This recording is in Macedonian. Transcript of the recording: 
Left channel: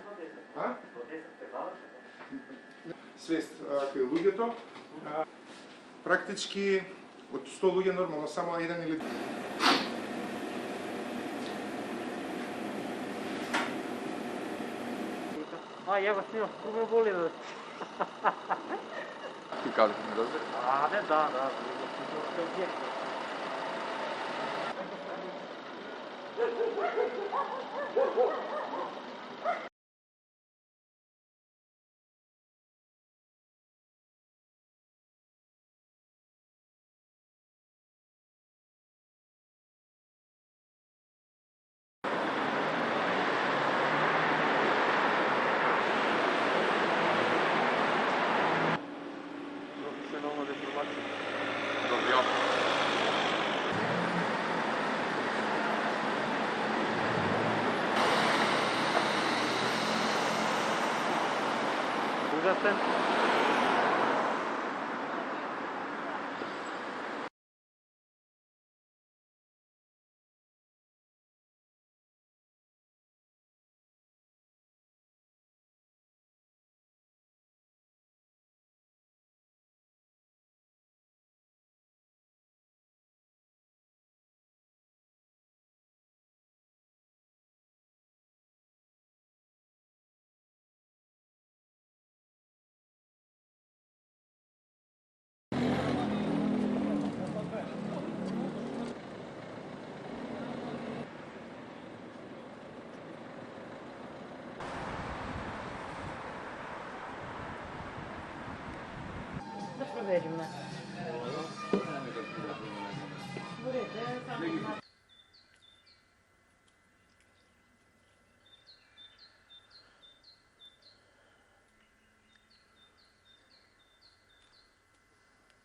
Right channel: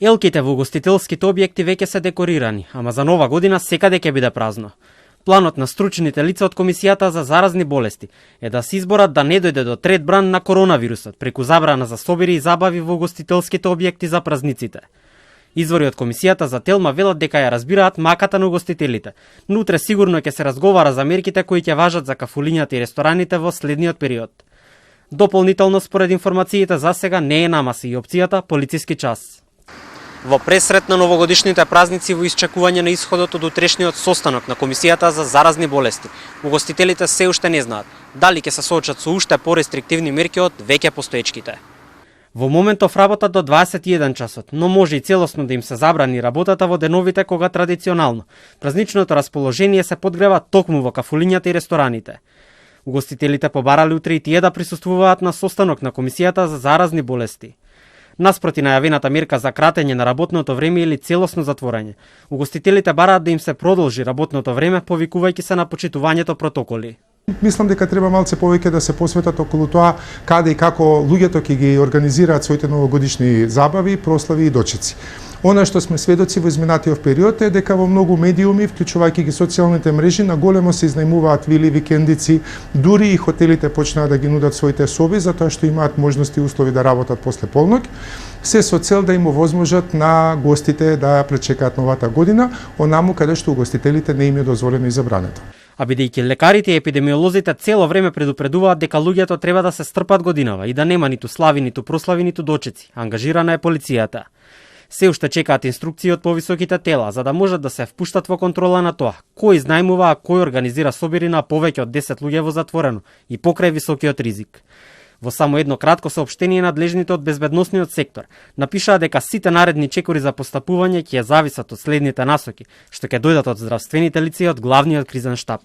Елките во угостителските објекти веќе се декорирани, ама за нова година секаде ќе биде празно. Планот на стручните лица од Комисијата за заразни болести е да се изборат да не дојде до трет бран на коронавирусот преку забрана за собири и забави во угостителските објекти за празниците. Извори од Комисијата за Телма велат дека ја разбираат маката на угостителите, но утре сигурно ќе се разговара за мерките кои ќе важат за кафулињата и рестораните во следниот период. Дополнително според информациите за сега не е намаси и опцијата полициски час. Во пресрет на новогодишните празници во исчекување на исходот од утрешниот состанок на Комисијата за заразни болести, угостителите се уште не знаат дали ќе се соочат со уште порестриктивни мерки од веќе постоечките. Во моментов работат до 21 часот, но може и целосно да им се забрани работата во деновите кога традиционално празничното расположение се подгрева токму во кафулињата и рестораните. Угостителите побарале утре и тие да присуствуваат на состанок на Комисијата за заразни болести. Наспроти најавената мерка за кратење на работното време или целосно затворање, угостителите бараат да им се продолжи работното време, повикувајќи се на почитувањето протоколи. Мислам дека треба малце повеќе да се посветат околу тоа каде и како луѓето ќе ги организираат своите новогодишни забави, прослави и дочици. Она што сме сведоци во изминатиот период е дека во многу медиуми, вклучувајќи ги социјалните мрежи, на големо се изнајмуваат вили, викендици, дури и хотелите почнаа да ги нудат своите соби затоа што имаат можности и услови да работат после полноќ, се со цел да им овозможат на гостите да пречекаат новата година, онаму каде што угостителите не им е дозволено и забрането. А бидејќи лекарите и епидемиолозите цело време предупредуваат дека луѓето треба да се стрпат годинава и да нема ниту слави, ниту прослави, ниту дочици, ангажирана е полицијата. Се уште чекаат инструкции од повисоките тела за да можат да се впуштат во контрола на тоа кој изнајмува, а кој организира собири на повеќе од 10 луѓе во затворено и покрај високиот ризик. Во само едно кратко соопштение надлежните од безбедносниот сектор напишаа дека сите наредни чекори за постапување ќе зависат од следните насоки, што ќе дојдат од здравствените лица и од главниот кризен штаб.